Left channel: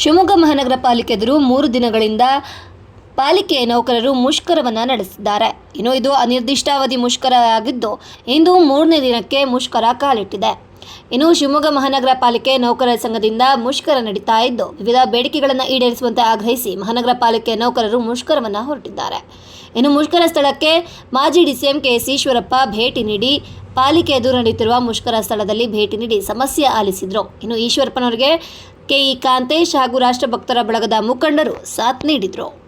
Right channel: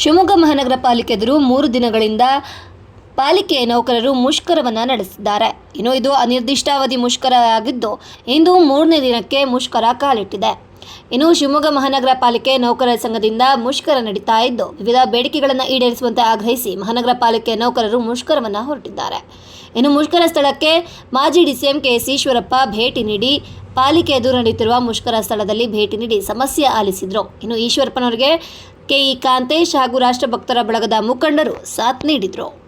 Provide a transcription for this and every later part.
ಶಿವಮೊಗ್ಗ ಮಹಾನಗರ ಪಾಲಿಕೆ ಎದುರು ಮೂರು ದಿನಗಳಿಂದ ಪಾಲಿಕೆ ನೌಕರರು ಮುಷ್ಕರವನ್ನು ನಡೆಸಿದ್ದಾರೆ. ಇನ್ನು ಇದು ಅನಿರ್ದಿಷ್ಟಾವಧಿ ಮುಷ್ಕರ ಆಗಿದ್ದು, ಇಂದು ಮೂರನೇ ದಿನಕ್ಕೆ ಮುಷ್ಕರ ಕಾಲಿಟ್ಟಿದೆ. ಇನ್ನು ಶಿವಮೊಗ್ಗ ಮಹಾನಗರ ಪಾಲಿಕೆ ನೌಕರರ ಸಂಘದಿಂದ ಮುಷ್ಕರ ನಡೀತಾ ಇದ್ದು, ವಿವಿಧ ಬೇಡಿಕೆಗಳನ್ನು ಈಡೇರಿಸುವಂತೆ ಆಗ್ರಹಿಸಿ ಮಹಾನಗರ ಪಾಲಿಕೆ ನೌಕರರು ಮುಷ್ಕರವನ್ನು ಹೊರಟಿದ್ದಾರೆ. ಇನ್ನು ಮುಷ್ಕರ ಸ್ಥಳಕ್ಕೆ ಮಾಜಿ ಕೆ ಕೆಎಸ್ ಈಶ್ವರಪ್ಪ ಭೇಟಿ ನೀಡಿ, ಪಾಲಿಕೆ ಎದುರು ನಡೆಯುತ್ತಿರುವ ಮುಷ್ಕರ ಸ್ಥಳದಲ್ಲಿ ಭೇಟಿ ನೀಡಿ ಸಮಸ್ಯೆ ಆಲಿಸಿದರು. ಇನ್ನು ಈಶ್ವರಪ್ಪನವರಿಗೆ ಕೆಇ ಕಾಂತೇಶ್ ಹಾಗೂ ರಾಷ್ಟ್ರಭಕ್ತರ ಬಳಗದ ಮುಖಂಡರು ಸಾಥ್ ನೀಡಿದ್ರು.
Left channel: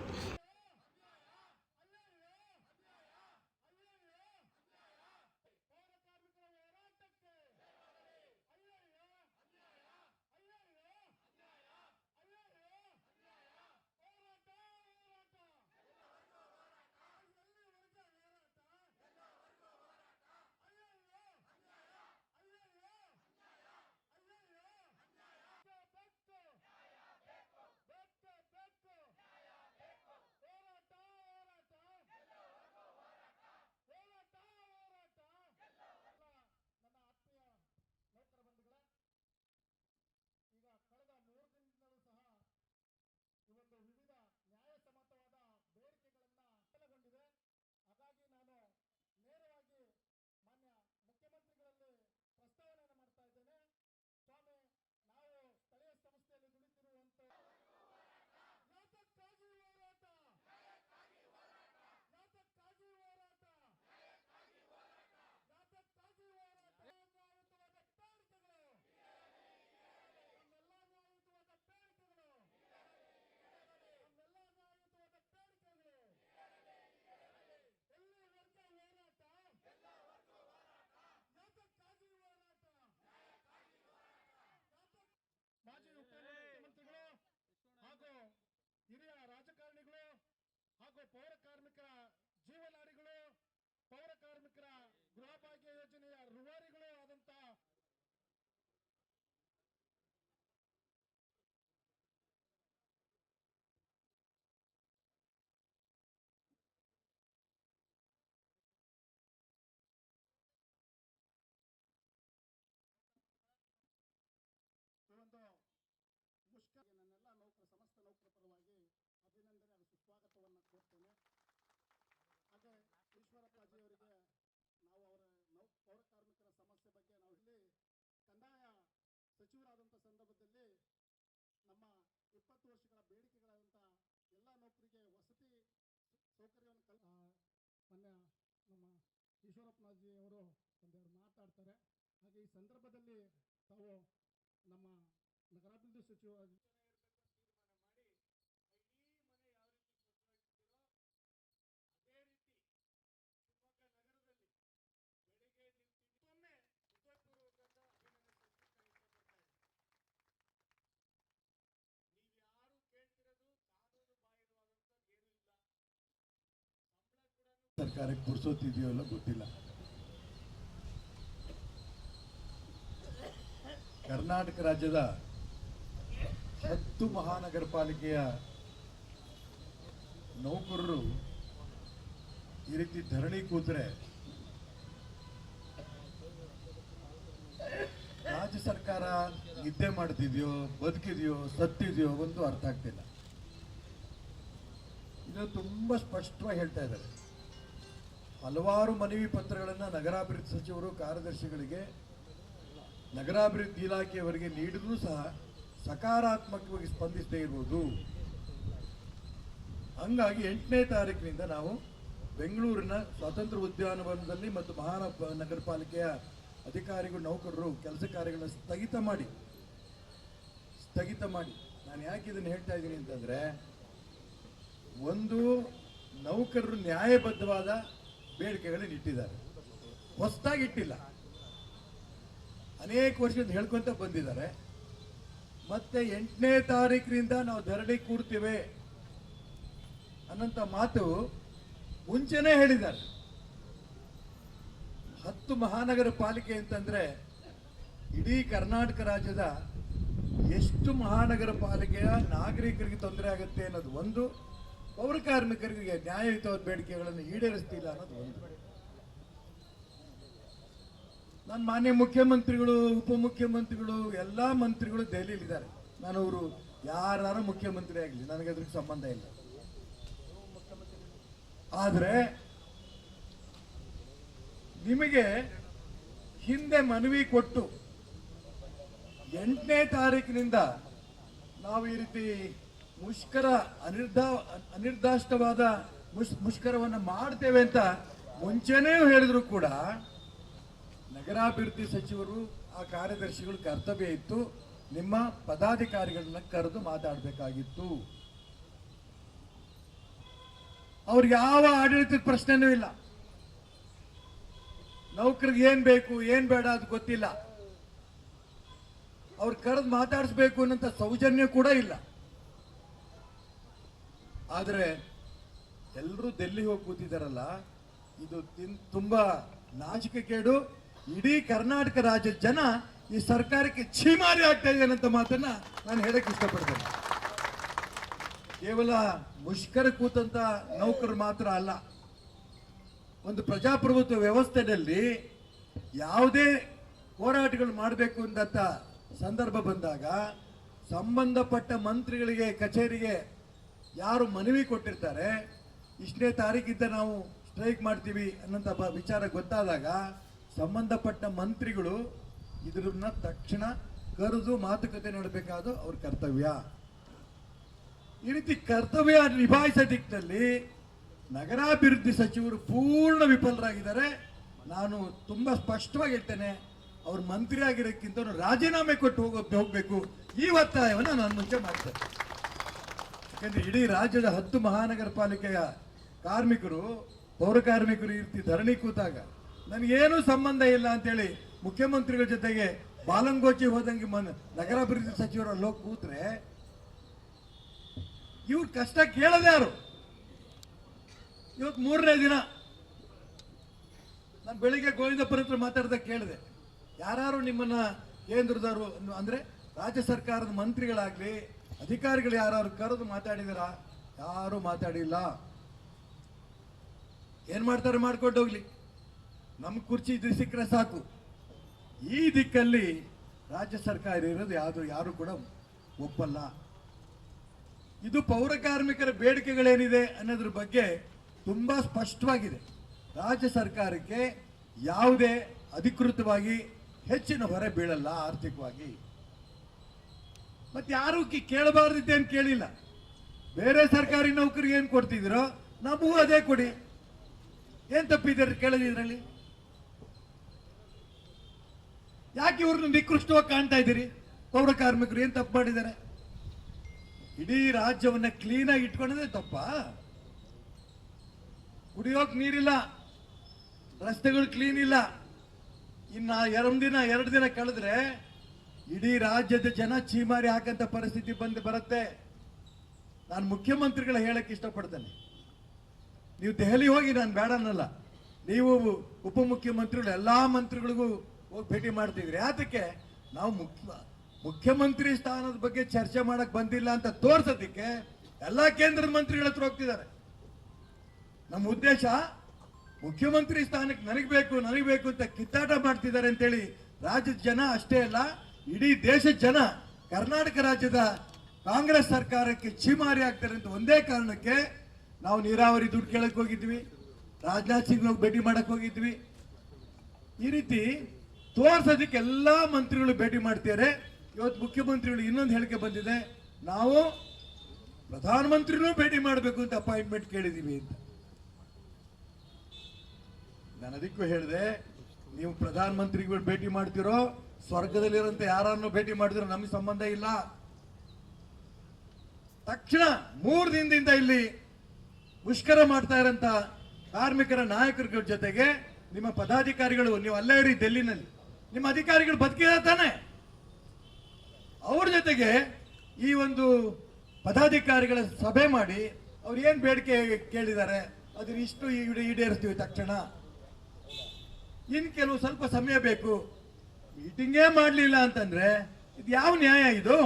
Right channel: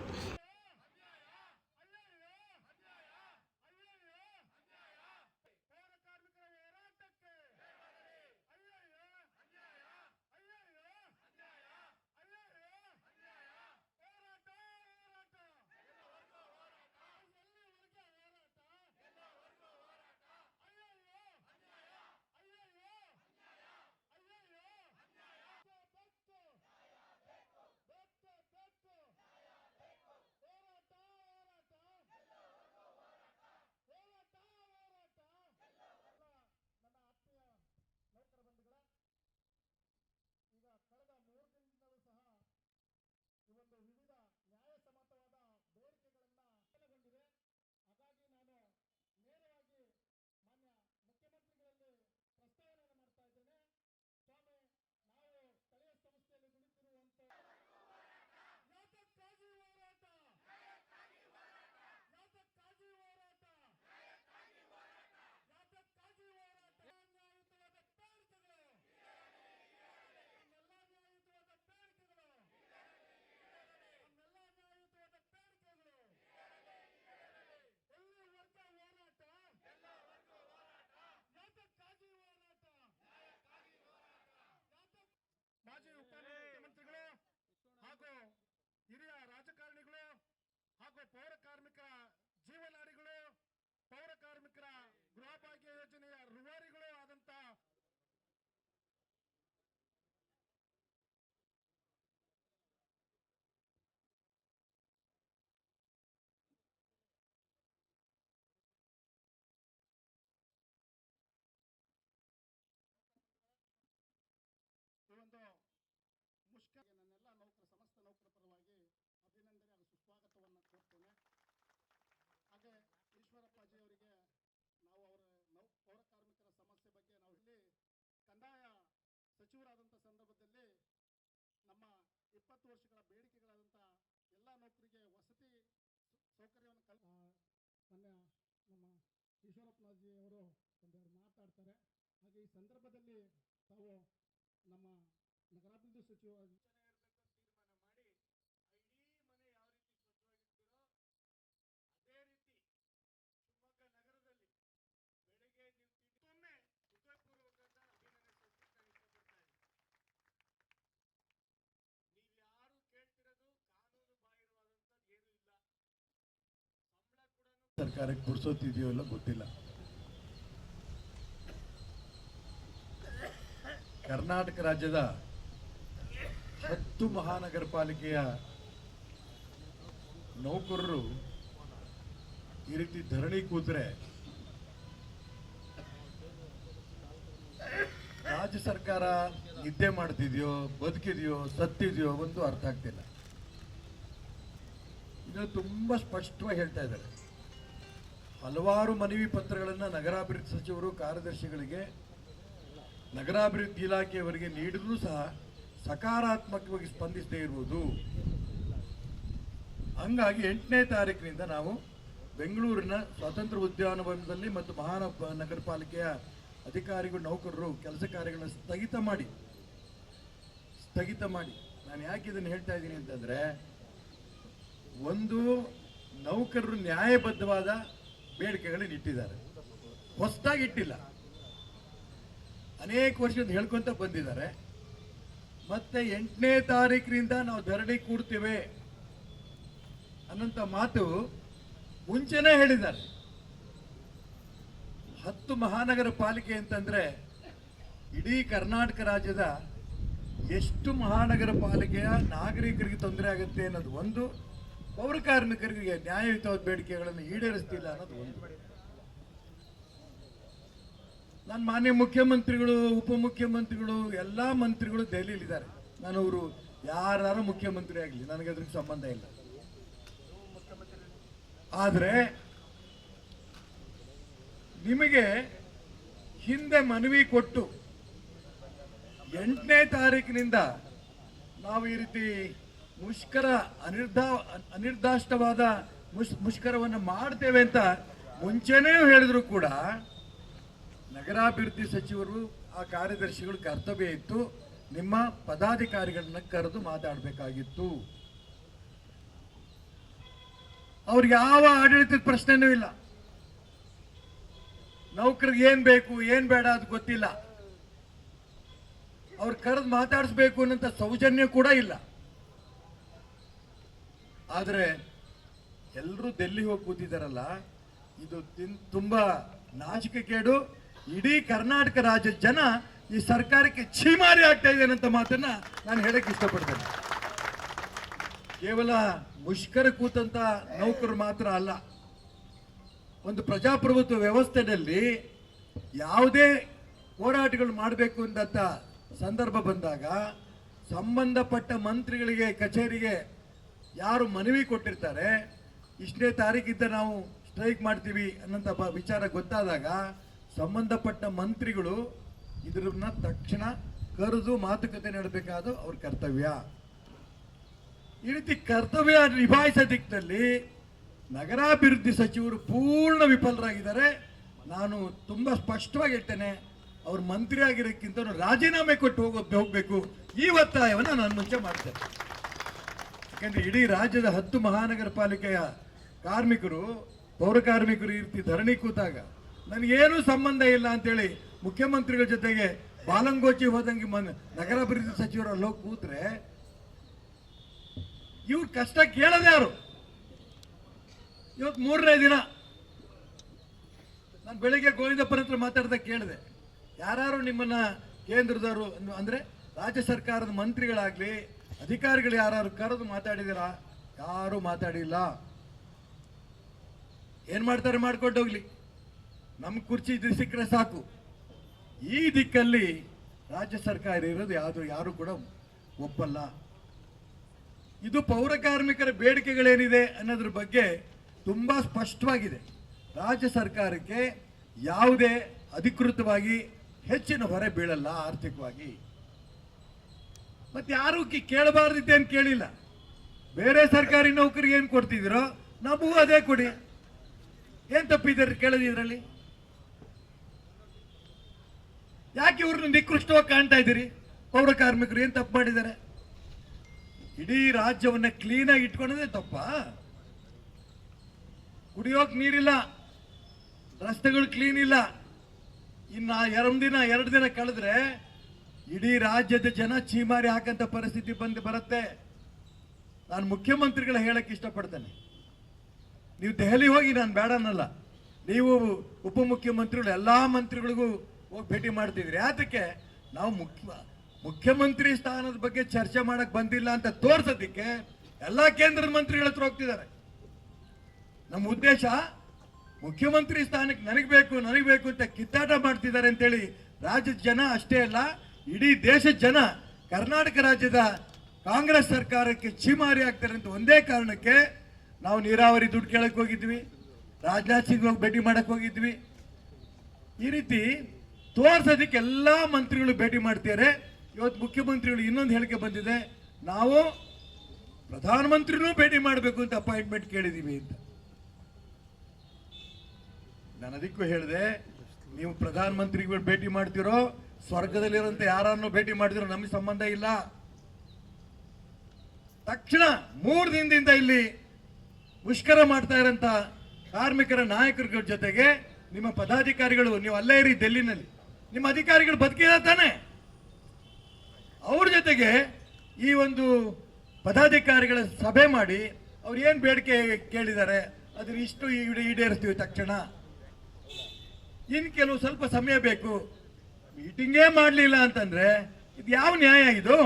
ಸಚಿವರಾದಂಥ ಸಂದರ್ಭದಲ್ಲಿ ನಮ್ಮ ಇಪ್ಪತ್ತು ವರ್ಷಗಳ ಬೇಡಿಕೆಗಳಾದಂಥ ಎಲ್ಲ ನೌಕರಿಗೆ ವಸತಿ ಸೌಕರ್ಯವನ್ನು ಕಲ್ ಮೊನ್ನೆ ನಮ್ಮ ಈಶ್ವರಪ್ಪನಾಜಿ ಅವರು ಒಂದೆರಡು ಮಾತಾಡ್ತಾರೆ. ಹಾಗೆ ಈ ಸಂದರ್ಭದಲ್ಲಿ ತಾವು ನಮ್ಮ ನಗರಾಭಿವೃದ್ಧಿ ಸಚಿವ ಸರ್ಕಾರಕ್ಕೆ ಪುರ್ಸೋತಿದೆಯೋ ಇಲ್ಲ ಗೊತ್ತಿಲ್ಲ. ಕರ್ನಾಟಕ ರಾಜ್ಯದ ಹತ್ತು ಮಹಾನಗರ ಪಾಲಿಕೆಯ ನೌಕರರು ಈ ರೀತಿ ಧರಣಿ ಕೂತ್ರೆ ರಾಜ್ಯ ಸರ್ಕಾರ ನಿದ್ದೆ ಮಾಡ್ತಿದೆಯೋ, ಬದುಕಿದೆಯೋ, ಸತ್ತಿದೆಯೋ ಒಂದು ಅರ್ಥ ಆಗ್ತಿಲ್ಲ. ಇದು ತುಂಬಾ ಸ್ಪಷ್ಟವಾಗಿ ಹೇಳ್ತಾ ಇದ್ದಾರೆ. ಹಲವಾರು ಮನವಿ ಪತ್ರಗಳನ್ನು ನಗರಾಭಿವೃದ್ಧಿ ಸಚಿವರು, ಕಾರ್ಯದರ್ಶಿಗಳಿಗೆ, ನಗರಾಭಿವೃದ್ಧಿ ಇಲಾಖೆಯವರಿಗೆ ನೀಡಿದ್ರೂ ಸಹ ಸಕಾರಾತ್ಮಕವಾಗಿ ಸ್ಪಂದಿಸದೇ ಇರುವುದು ಹಂಗಾಗಿ ಎಂಟನೇ ತಾರೀಕಿನಿಂದ ನಾವು ಬೆಂಗಳೂರಿನ ಸ್ವಾತಂತ್ರ್ಯ ಉದ್ಯಾನವನದಲ್ಲಿ ಮತ್ತು ಮಹಾನಗರ ನಗರ ಪಾಲಿಕೆಯ ಅಧಿಕಾರಿಗಳು, ನೌಕರರು ಕೆಲಸ ಕಾರ್ಯಗಳನ್ನು ಸ್ಥಗಿತ ಮಾಡಿ ಸ್ಥಗಿತ ಮಾಡಿ. ನಾನು ಯಾಕೆ ಇದನ್ನು ಹೇಳ್ತಾ ಇದ್ದೀನಿ ಅಂತಂದ್ರೆ, ಒಂದು ನೌಕರರು ನ್ಯಾಯಬದ್ಧವಾದ ಬೇಡಿಕೆಗಳನ್ನು ಇಟ್ಟಿದ್ದಾರೆ. ಹೊಸದಾಗಿ ಇಟ್ಟಿಲ್ಲ. ಅನೇಕ ವರ್ಷದಿಂದ ಹೇಳ್ಕೊಂತ ಬಂದಿದ್ದಾರೆ. ಮತ್ತೆ ಎಂಟನೇ ತಾರೀಕಿನಿಂದ ನಾವು ಧರಣಿ ಕೂಡ್ತೇವೆ ಅನ್ನಂತ ಮಾತು ಮುಂಚೆನೇ ಹೇಳಿದ್ದಾರೆ. ಹತ್ತು ಮಹಾನಗರ ಪಾಲಿಕೆ ಅಂತಂದ್ರೆ ಇಡೀ ಕರ್ನಾಟಕ ರಾಜ್ಯದ ಎಷ್ಟು ಮಹಾನಗರ ಪಾಲಿಕೆಯ ನಾಗರಿಕರಿಗೆ ತೊಂದರೆ ಆಗುತ್ತೆ ಅನ್ನೋದು ಒಂದು. ಪೌರ ಕಾರ್ಮಿಕರಿಗೆ ನ್ಯಾಯಯುತವಾದ ಬೇಡಿಕೆಗಳನ್ನು ಈಡೇರಿಸ್ತಿಲ್ಲ ಅನ್ನೋದು ಒಂದು ನನ್ನ ಮಾನ್ಯ ಮುಖ್ಯಮಂತ್ರಿಗಳು, ಉಪಮುಖ್ಯಮಂತ್ರಿಗಳು, ಎಲ್ಲ ಮಂತ್ರಿಗಳು ದೆಹಲಿಯಲ್ಲಿದ್ದಾರೆ. ನಾನು ಅವರು ಯಾರು ಮುಖ್ಯಮಂತ್ರಿ ಆಗಲಿ, ನನಗೆ ಅದ್ರಿಗೆ ಸಂಬಂಧ ಇಲ್ಲ. ಆದರೆ ನಿಮಗೆ ಹಿಂದೆ ಮನವಿ ಕೊಟ್ಟು ಎಂಟನೇ ತಾರೀಕಿನಿಂದ ನಾವು ಈ ರೀತಿ ಮುಷ್ಕರ ಅನಿರ್ಧಾ ಅನಿರ್ದಾಷ್ಟವಾದ ಮುಷ್ ಮುಷ್ಕರವನ್ನು ಮಾಡ್ತೇವೆ ಅಂತ ಮುಂಚೆನೇ ಹೇಳಿದ್ರು ಕೂಡ ನಗರಾಭಿವೃದ್ಧಿ ಸಚಿವರು ಆ ಕಾರ್ಯದರ್ಶಿಗಳು ಕರ್ತವ್ಯ ಇತ್ತು. ನಿಮ್ಮ ಪದಾಧಿಕಾರಿಗಳನ್ನ ಕರೆದು ಮಾತಾಡಬೇಕಾಗಿತ್ತು. ಅವ್ರಿಗೆ ಯಾವ ಆಡಳಿತದ ಪ್ರಶ್ನೆನೂ ಇಲ್ಲ. ನೌಕರಿಗೆ ಏನ್ ಬೇಕು, ಏನ್ ಬೇಡ ಅದು ಗೊತ್ತಿಲ್ಲ. ಅವ್ರು ಕರೆದು ಮಾತಾಡಿಸ್ಬೇಕು ಅನ್ನೋಂಥ ಸೌಜನ್ಯ ಕೂಡ ಇಲ್ಲ. ಆದ್ರೆ ಎಲ್ಲರೂ ಡೆಲ್ಲಿ ಹೋಗಿ ಕೂತಿದ್ದಾರಲ್ಲ ಇದು ತುಂಬ ನಾಚಿಕೆ ಕೇಡು. ಇಡೀ ಕರ್ನಾಟಕ ರಾಜ್ಯದ ಜನ ಈ ಸರ್ಕಾರಕ್ಕೆ ಛೀಮಾರಿ ಆಗ್ತಾ ಇದೆ ಅಂತ ಮಾತನ್ನ ನಾನು ಹೇಳಕ್ಕೆ ಇಷ್ಟಪಡ್ತೇನೆ. ಕೇವಲ ಮುಷ್ಕರ ಕೂತಂತ ನೌಕರು ಮಾತ್ರ ಅಲ್ಲ, ಒಂದು ಪ್ರಜಾಪ್ರಭುತ್ವ ವ್ಯವಸ್ಥೆಯಲ್ಲಿ ಯಾವುದೇ ಹೋರಾಟಗಳು ಮಾಡಬೇಕು ಅಂತ ಸಂದರ್ಭ ಬಂದಾಗ, ಸಂಬಂಧಪಟ್ಟ ಮಂತ್ರಿಗಳಿಗೆ, ಕಚೇರಿಗೆ ಯಾರು ಮನವಿ ಕೊಟ್ಟಿರ್ತಾರೆ, ಇಷ್ಟನೇ ತಾರೀಕಿದ್ದ ನಾವು ಸ್ಟ್ರೈಕ್ ಮಾಡ್ತೀವಿ ಅನ್ನೋಂಥ ವಿಚಾರ ಗೊತ್ತಾದಾಗ ಸಂಬಂಧಪಟ್ಟ ಮಂತ್ರಿಗಳು ಇದನ್ನ ತಕ್ಷಣ ಕರೆದು ಮಾತುಕತೆ ನಡೆಬೇಕಾದ ಅವ್ರ ಕರ್ತವ್ಯ. ಈ ರೀತಿ ಕರ್ತವ್ಯ ನಿಭಾಯಿಸೋ ದಿಕ್ಕಿನಲ್ಲಿ ನಗರಾಭಿವೃದ್ಧಿ ಸಚಿವರು ಪೂರ್ಣ ವಿಫಲರಾಗಿದ್ದಾರೆ. ನಾನು ತುಂಬಾ ಸ್ಪಷ್ಟವಾಗಿ ಹೇಳ್ತೇನೆ, ಅವ್ರು ಮಂತ್ರಿ ಆಗಿರೋಕ್ಕಿಂತ ರಾಜೀನಾಮೆ ಕೊಟ್ಟು ಹೋಗೋ ಹೋಗ್ಬೇಕು. ಈ ಒತ್ತಾಯವನ್ನು ನಾನು ಮುಂಚೆ ಮಾಡ್ತೇನೆ. ಯಾಕಂದ್ರೆ ಇಡೀ ರಾಜ್ಯದ ಹತ್ತು ಮಹಾನಗರ ಪಾಲಿಕೆಯ ಕಾರ್ಮಿಕರು, ಪೌರ ಕಾರ್ಮಿಕರು ಈ ರೀತಿ ಧರಣಿ ಕೂತಾಗ ನನಗೇನು ಸಂಬಂಧ ಇಲ್ಲ ಅಂತೇಳಿ ಮುಖ್ಯಮಂತ್ರಿಗಳ ಜೊತೆಗೆ ಬಾಲಂಗೋಚಿ ಹೋದಂಗೆ ಮನ್ ನಗರಾಭಿವೃದ್ಧಿ ಸಚಿವರು ಅಲ್ಲಿ ಹೋಗಿ ಕೂತ್ರೆ ಇವ್ರ ಕಷ್ಟ ಕೇಳದೆ ಯಾರು ಇವತ್ತು ಮೂರನೇ ದಿನ. ನಾನು ಬೆಳಿಗ್ಗೆ ಗೋವಿಂದಪ್ಪನ ಹತ್ರ ಮಾತಾಡ್ದಾಗ ಕೇಳಿದೆ. ಯಾರು ನಿಮ್ಮನ್ನ ಕೇಂದ್ರದವರು ಅಂದ್ರೆ ರಾಜ್ಯ ಸರ್ಕಾರದ ಮಂತ್ರಿಗಳಾಗ್ಲಿ ಅಧಿಕಾರಿಗಳು ಯಾರು ಕರೆದು ಮಾತಾಡಿದಿರಾ? ಯಾರು ಮಾತಾಡಿಲ್ಲ. ಏನ್ ಮಾಡ್ತಾರೆ? ಮಾಡ್ಕೊಂಡು ಹೋಗ್ಲಿ. ನಮ್ ಕುರ್ಚಿ ಇದ್ರೆ ಸಿಕ್ಕರೆ ಸಾಕು. ಈ ದಿಕ್ಕಲ್ಲಿ ರಾಜ್ಯ ಸರ್ಕಾರ ಇರೋದು ಯಾವುದು? ಯಾರು ಕೂಡ ಒಪ್ಪಲ್ಲ. ಇದು ಪೌರ ಕಾರ್ಮಿಕರ ಬೇಡಿಕೆಗಳೇನಿದೆ ಅನ್ನೋದ್ರ ಬಗ್ಗೆ ತುಂಬಾ ಸ್ಪಷ್ಟವಾಗಿದೆ. ರಾಜ್ಯ ಸರ್ಕಾರಕ್ಕೆ ಯಾವುದೇ ಅಧಿಕೃತವಾಗಿ ಹೆಚ್ಚಿನ ಹೊರೆ ಬೀಳಲ್ಲ ಆರ್ಥಿಕವಾಗಿ. ಮತ್ತೆ ಯಾರು ಕಿ- ಕೇಳಬಾರ್ದಿದ್ದೆ ಅಂತ ಕೇಳಿಲ್ಲ. ಬೇರೆ ಸರ್ಕಾರಿ ನೌಕರಿಗೆ ಏನು ಕೊಡ್ತಿದ್ದೀರೋ, ನಮಗೂ ಅದೇ ಕೊಡಿ. ಏನ್ ತಪ್ಪಿದ್ದಾರೆ ಕೇಳೋದು ಇದರಲ್ಲಿ? ಯಾಕೆ ಇವ್ರನ್ನ ನಿಕೃಷ್ಟವಾಗಿ ಕಾಣ್ತಾ ಇದ್ದೀರಿ? ಪೌರ ಕಾರ್ಮಿಕರು ಏನ್ ತಪ್ಪು ಮಾಡಿದ್ದಾರೆ? ಇಡೀ ರಾಜ್ಯವನ್ನ ಕ್ಲೀನ್ ಆಗಿ ಇಟ್ಕೊಳ್ಳೋದೇ ತಪ್ಪ. ಕುಡಿಯೋಕ್ ನೀರಿಲ್ಲ. ರಸ್ತೆಗಳು ಕ್ಲೀನ್ ಇಲ್ಲ. ಇನ್ನ ಎರಡು ದಿನ ಎರಡು ದಿನ ಕಳೆದ್ರೆ ಇಡೀ ರಾಜ್ಯದ ಜನ ಚೀಮಾರಿ ಹಾಕಂತ ಪರಿಸ್ಥಿತಿ ಬಂದು ಬರುತ್ತೆ. ನಾನು ಮುಖ್ಯಮಂತ್ರಿಗಳ ಹೇಳಕ್ಕೆ ಇಷ್ಟಪಡ್ತೇನೆ. ನೀವು ದೆಹಲಿ ಹೋಗಿ, ನಾನು ಬೇಡ ಅನ್ನಲ್ಲ ನೀವು ಉಪಮುಖ್ಯಮಂತ್ರಿಗಳು, ಎಲ್ಲಾ ಮಂತ್ರಿಗಳಿಗೂ ಹೋಗಿ ಭೇಟಿ ಮಾಡ್ತಿದ್ರಿ. ಅದಕ್ಕೆ ನಾವು ಮುಖ್ಯ ಮುಖ್ಯಮಂತ್ರಿ ಸ್ಥಾನದ ಬಗ್ಗೆ ಚರ್ಚೆ ಮಾಡಕ್ ಬಂದಿಲ್ಲ ಅಂತ ತೋರ್ಸೋದಿಕ್ಕೆ ಎಲ್ಲಾ ಕೇಂದ್ರ ಮಂತ್ರಿಗಳ ಹತ್ರ ಹೋಗ್ತಿದ್ದಾರೆ. ನಮ್ಮ ಉದ್ದೇಶ, ಮುಖ್ಯಮಂತ್ರಿ ಸ್ಥಾನಕ್ಕೆ ನನಗೆ ಬೇಕು ನನಗೆ ಬೇಕು ಅಂತ ಕಿತ್ತಾಟ ಮಾಡ್ತಿದ್ದಾರೆ ಅಂತೇಳಿ ರಾಜ್ಯದ ಜನ ಅಷ್ಟೇ ಅಲ್ಲ ಇಡೀ ದೇಶದ ಜನ ಕರ್ನಾಟಕ ರಾಜ್ಯದ ಕಾಂಗ್ರೆಸ್ ಸರ್ಕಾರಕ್ಕೆ ಚೀಮಾರಿ ಆಗ್ತಾರೆ ಅಂತ ಒಂದೇ ಕಾರಣಕ್ಕೆ ನಾವು ನೀರಾವರಿ ದುಡ್ಡು ಕೇಳಕ್ ಹೋಗಿದ್ವಿ. ರಾಜನಾಥ್ ಸಿಂಗ್ ಹೋಗಿ ಭೇಟಿ ಮಾಡಕ್ ಹೋಗಿದ್ವಿ. ಈ ರೀತಿ ತೋರ್ಸೋದಕ್ಕೆ ಎಲ್ಲಾ ಮಂತ್ರಿಗಳು ಭೇಟಿ ಮಾಡ್ತಿದ್ದಾರೆ. ಇವತ್ತು ಮುಖ್ಯಮಂತ್ರಿಗಳು ಇನ್ನೊಂದು ಹೇಳಿಕೆ ಬಂದಿದೆ. ನಾವು ಪ್ರಧಾನಮಂತ್ರಿನೂ ಭೇಟಿ ಮಾಡಬೇಕು ಅಂತ ಅಪಾಯಿಂಟ್ಮೆಂಟ್ ಕೇಳಿದೀವಿ ಅಂತ. ನಾನು ಅದಕ್ಕೂ ಹೇಳಿದೆ, ನೀವು ಪ್ರಧಾನಮಂತ್ರಿಗಳು ಭೇಟಿ ಮಾಡ್ತಿರೋ ಸ್ವರ್ಗದಲ್ಲಿರೋಂಥ ಯಾರನ್ನು ಭೇಟಿ ಮಾಡಿದ್ರು ನಮಗೆ ಸಂಬಂಧ ಇಲ್ಲ. ತಕ್ಷಣ ಮೂರು ದಿನದಿಂದ ಇಲ್ಲಿ ಮುಷ್ಕರ ಮಾಡ್ತಾ ಇರೋಂಥ ಕಾರ್ಮಿಕರ ನಾಯಕರ ಜೊತೆಗೆ ನಿಮ್ಮ ಪದಾಧಿಕಾರಿಗಳು, ನೀವು ಅಲ್ಲೇ ಇರಿ ಡೆಲ್ಲಿನಲ್ಲಿ. ನಿಮ್ಮ ಅಧಿಕಾರಿಗಳು ಬದುಕಿಲ್ಲ ತಾನೆ. ಅವ್ರ ಜೊತೆಗೆ ಈ ಒಂದು ಪದಾಧಿಕಾರಿಗಳ ಸಭೆ ಮಾಡಿ ಅವ್ರು ಏನು ಬೇಡಿಕೆ ಕೇಳಿದ್ದಾರೆ ಅದ್ರ ಇಷ್ಟು ಈಡೆ- ಈಡೇರಿಸ್ತೀವಿ ತಕ್ಷಣ. ಇನ್ನು ಕೆಲವು ಸ್ವಲ್ಪ ಸಮಯ ಬೇಕು. ಮೀಟಿಂಗೇ ಮಾಡಲಿಲ್ಲ ಅಂತಂದ್ರೆ ಇದು ಯಾವ ನ್ಯಾಯ ಇದು?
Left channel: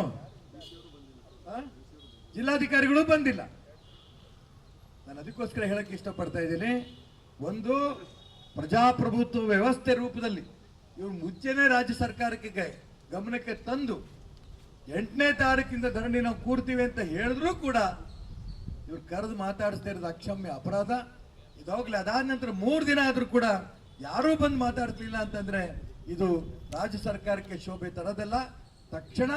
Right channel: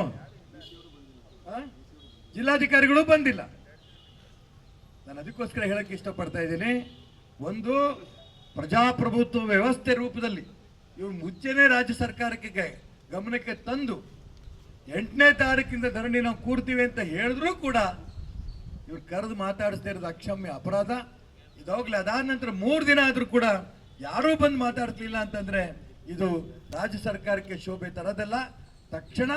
ಜಿಲ್ಲಾಧಿಕಾರಿಗಳು ಬಂದಿಲ್ಲ. ನಾನು ಅದಕ್ಕೋಸ್ಕರ ಹೇಳಕ್ಕೆ ಇಷ್ಟಪಡ್ತಾ ಇದ್ದೀನಿ. ಒಂದು ಪ್ರಜಾಪ್ರಭುತ್ವ ವ್ಯವಸ್ಥೆ ರೂಪದಲ್ಲಿ ಇವ್ರು ಮುಂಚೆನೇ ರಾಜ್ಯ ಸರ್ಕಾರಕ್ಕೆ ಗಮನಕ್ಕೆ ತಂದು ಎಂಟನೇ ತಾರೀಕಿಂದ ಧರಣಿ ನಾವು ಕೂರ್ತೀವಿ ಅಂತ ಹೇಳಿದ್ರು ಕೂಡ ಇವ್ರು ಕರೆದು ಮಾತಾಡಿಸ್ತಾ ಇರೋದು ಅಕ್ಷಮ್ಯ ಅಪರಾಧ. ಇದಾಗ್ಲೇ ಅದಾದ ನಂತರ ಮೂರು ದಿನ ಆದ್ರೂ ಕೂಡ ಯಾರೂ ಬಂದು ಮಾತಾಡ್ತಿಲ್ಲ ಅಂತಂದ್ರೆ ಇದು ರಾಜ್ಯ ಸರ್ಕಾರಕ್ಕೆ ಶೋಭೆ ತರದಲ್ಲ. ತಕ್ಷಣ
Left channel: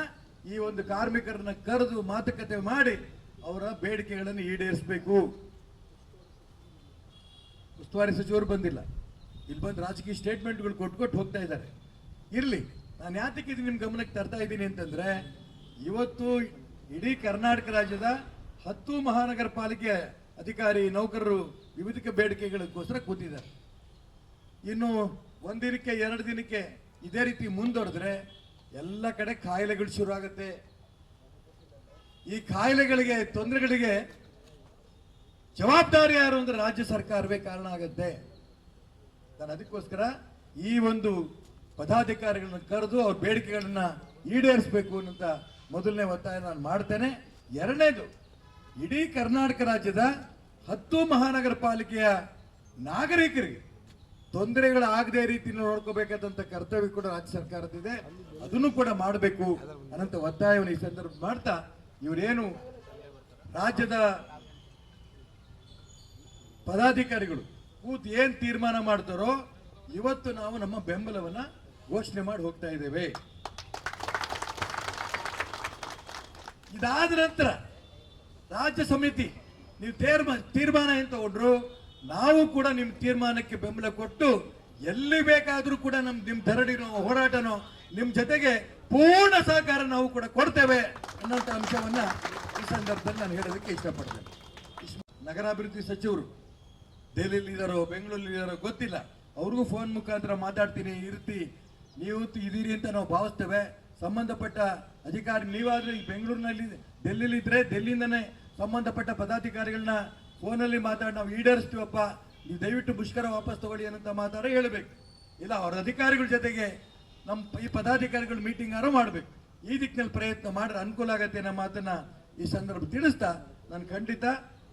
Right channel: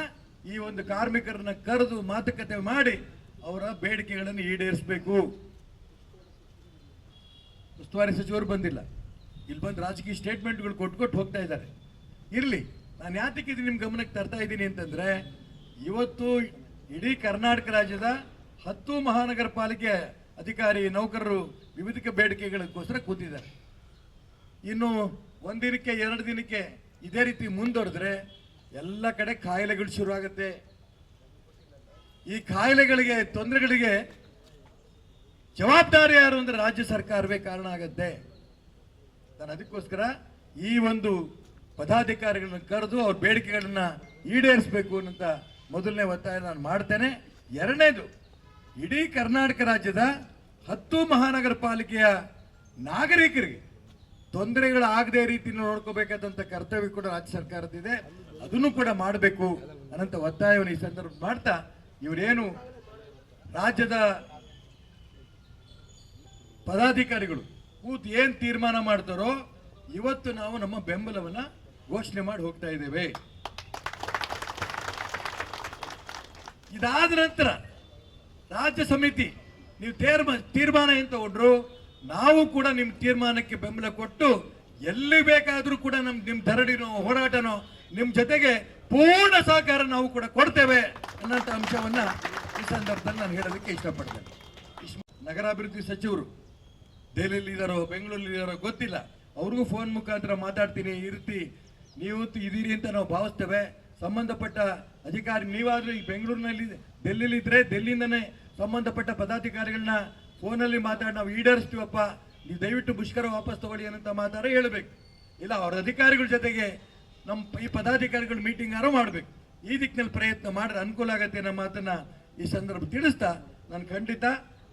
ಈ ಒಂದು ಕಾರ್ಮಿಕರನ್ನ ಕರೆದು ಮಾತುಕತೆ ಮಾಡಿ ಅವರ ಬೇಡಿಕೆಗಳನ್ನು ಈಡೇರಿಸಬೇಕು. ಉಸ್ತುವಾರಿ ಸಚಿವರು ಬಂದಿಲ್ಲ. ಇಲ್ಲಿ ಬಂದು ರಾಜಕೀಯ ಸ್ಟೇಟ್ಮೆಂಟ್ಗಳು ಕೊಟ್ಟು ಹೋಗ್ತಾ ಇದ್ದಾರೆ. ಇರಲಿ, ನಾನು ಯಾತಕ್ಕೆ ಇದು ನಿಮ್ಮ ಗಮನಕ್ಕೆ ತರ್ತಾ ಇದ್ದೀನಿ ಅಂತಂದ್ರೆ, ಇವತ್ತು ಇಡೀ ಕರ್ನಾಟಕ ರಾಜ್ಯದ ಹತ್ತು ಮಹಾನಗರ ಪಾಲಿಕೆ ಅಧಿಕಾರಿ ನೌಕರರು ವಿವಿಧ ಬೇಡಿಕೆಗಳಿಗೋಸ್ಕರ ಕೂತಿದ್ದಾರೆ. ಇನ್ನು ಒಂದಿನಕ್ಕೆ ಎರಡು ದಿನಕ್ಕೆ ಇದೇ ರೀತಿ ಮುಂದುವರೆದ್ರೆ ಎಲ್ಲ ಕಡೆ ಕಾಯಿಲೆಗಳು ಶುರುವಾಗುತ್ತೆ. ಈ ಕಾಯಿಲೆಗಳಿಗೆ, ತೊಂದರೆಗಳಿಗೆ ಜವಾಬ್ದಾರಿ ಯಾರು ಅಂದ್ರೆ ರಾಜ್ಯ ಸರ್ಕಾರವೇ ಕಾರಣ ಆಗುತ್ತೆ. ನಾನು ಅದಕ್ಕೋಸ್ಕರ ಈ ಒಂದು ಪದಾಧಿಕಾರಿಗಳನ್ನ ಕರೆದು ಅವ್ರ ಬೇಡಿಕೆಗಳನ್ನ ಈಡೇರಿಸಬೇಕು ಅನ್ನೋಂಥ ಮೊದಲನೇ ಒತ್ತಾಯ ನಾನು ಮಾಡ್ತೇನೆ. ಎರಡನೇದು, ಇಡೀ ಕರ್ನಾಟಕ ರಾಜ್ಯದ ಹತ್ತು ಮಹಾನಗರ ಪಾಲಿಕೆಯ ನಾಗರಿಕರಿಗೆ ತೊಂದರೆಗಳಾಗದೇ ರೀತಿ ನೋಡ್ಕೋಬೇಕಾದಂತ ಕರ್ತವ್ಯ ಕೂಡ ರಾಜ್ಯ ಸರ್ಕಾರದಿದೆ ಅದನ್ನು ಕೂಡ ಮಾಡಬೇಕು ಅನ್ನಂತ ಒತ್ತಾಯವನ್ನು ಈ ಸಂದರ್ಭ ಮಾಡ್ತಾ ಇವರೇನು ರಾಜ್ಯದ ಪದಾಧಿಕಾರಿಗಳು ಕೂತ್ ಏನ್ ತೀರ್ಮಾನ ಮಾಡ್ತಾರೋ ಇವತ್ತು ನಾವು ನಮ್ಮ ಬೆಂಬಲವನ್ನ ಘೋಷಣೆ ಮಾಡಿ ಹೋಗ್ತಾ ಇದ್ದೇವೆ. ಇದಾದ ನಂತರ ರಾಜ್ಯ ಸಮಿತಿ, ನೀವು ತೀರ್ಮಾನ ತೀರ್ಮಾನ ಏನ್ ತಗೊಂಡ್ರು? ನಾವು ಕೂಡ ನಿಮ್ಮ ತೀರ್ಮಾನಕ್ಕೆ ಬೆಂಬಲ ಕೊಟ್ಟು ಎಲ್ಲಿ ಬೇಕಾದರೂ ಕೂಡ ನಮ್ ನಿಮ್ ಧರಡಿನೋ ಹೋರಾಟನೋ ನಿಮ್ ಜೊತೆಗೆ ಪೂರ್ಣ ಸಹಕಾರ ನಾವು ಕೂಡ ಕೊಡ್ತೇವೆ ಅನ್ನೋಂಥ ಅಂಶವನ್ನ ಈ ಸಂದರ್ಭದಲ್ಲಿ ನಾನು ಹೇಳೋದಕ್ಕೆ ಇಷ್ಟಪಡ್ತೇನೆ. ಇಷ್ಟ್- ನಗರಾಭಿವೃದ್ಧಿ ಸಚಿವರು, ದೆಹಲಿಯಲ್ಲಿ ಇದಾರೋ, ಬೆಂಗಳೂರಲ್ಲಿ ಇದಾರೋ ಗೊತ್ತಿಲ್ಲ. ಅವ್ರಿಗೂ ಫೋನ್ ಮುಖಾಂತರ ಮಾತಾಡ್ತೀನಿ, ಇರ್ತಿ. ರೀತಿ ನೀವು ಇದೀರಿ ಅಂತ ನಾವು ಭಾವಿಸ್ತೇವೆ. ಸಂಬಂಧಪಟ್ಟ ಅಧಿಕಾರಿ ನೀವಾದ್ರೂ ಈ ಬೆಂಗಳೂರಿನಲ್ಲಿ ಡೆಲ್ಲಿಲಿ ಇದ್ರೆ ಡೆಲ್ಲಿಯಿಂದನೇ ಸಂಬಂಧಪಟ್ಟ ಪದಾಧಿಕಾರಿಗಳನ್ನ ಫೋನಲ್ಲಿ ಮಾತಾಡಿ ನಾವು ಈಡೇರಿಸ್ತೀವಪ್ಪ, ನೀವು ದಯವಿಟ್ಟು ಮುಷ್ಕರ ವಾಪಸ್ ತಗೊಳ್ಳಿ ಅಂತ ಮಾತಾಡ ಹೇಳಬೇಕು. ಇಲ್ಲ, ಅವ್ರ ಅಧಿಕಾರಿಗಳ ಜೊತೆಗೆ ನಮ್ಮ ಈ ಪದಾಧಿಕಾರಿಗಳು ಮೀಟಿಂಗ್ ಯಾರು ಮಾಡ್ಬೇಕು. ಈ ದಿಕ್ಕಿನಲ್ಲಿ ಪ್ರಯತ್ನ ಮಾಡ್ರೆ ಅನುಕೂಲ ಆಗತ್ತೆ ಅನ್ನೋ ಮಾತನ್ನ ಈ ಸಂದರ್ಭ ತಿಳಿಸ್ತಾ ನಾನು ಖಂಡಿತ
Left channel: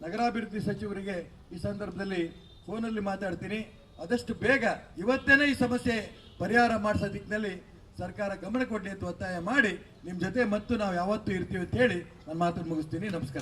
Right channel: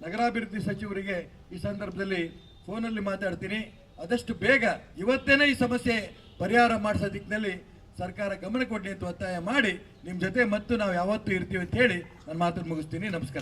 ನಗರಾಭಿವೃದ್ಧಿ ಸಚಿವರಿಗೆ ಈ ಸಂದರ್ಭದಲ್ಲಿ ಫೋನಲ್ಲಿ ಮಾತಾಡ್ತೀನಿ. ಆದಷ್ಟು ಬೇಗ ಇವತ್ತೇನೆ ಈ ಸಮಸ್ಯೆ ಪರಿಹಾರ ಮಾಡಿಸೋ ದಿಕ್ಕಿನಲ್ಲಿ ಸರ್ಕಾರ ಗಮನ ಕೊಡಿ ಅಂತ ಒತ್ತಾಯ ಮಾಡಿ ನಿಮ್ಮ ಜೊತೆ ಮತ್ತು ನಾವು ಯಾವತ್ತೂ ಇರ್ತೀವಿ ಅಂತ ಹೇಳಿ ನನ್ನ ಮಾತನ್ನು ಮುಗಿಸ್ತೀನಿ. ನಮಸ್ಕಾರ.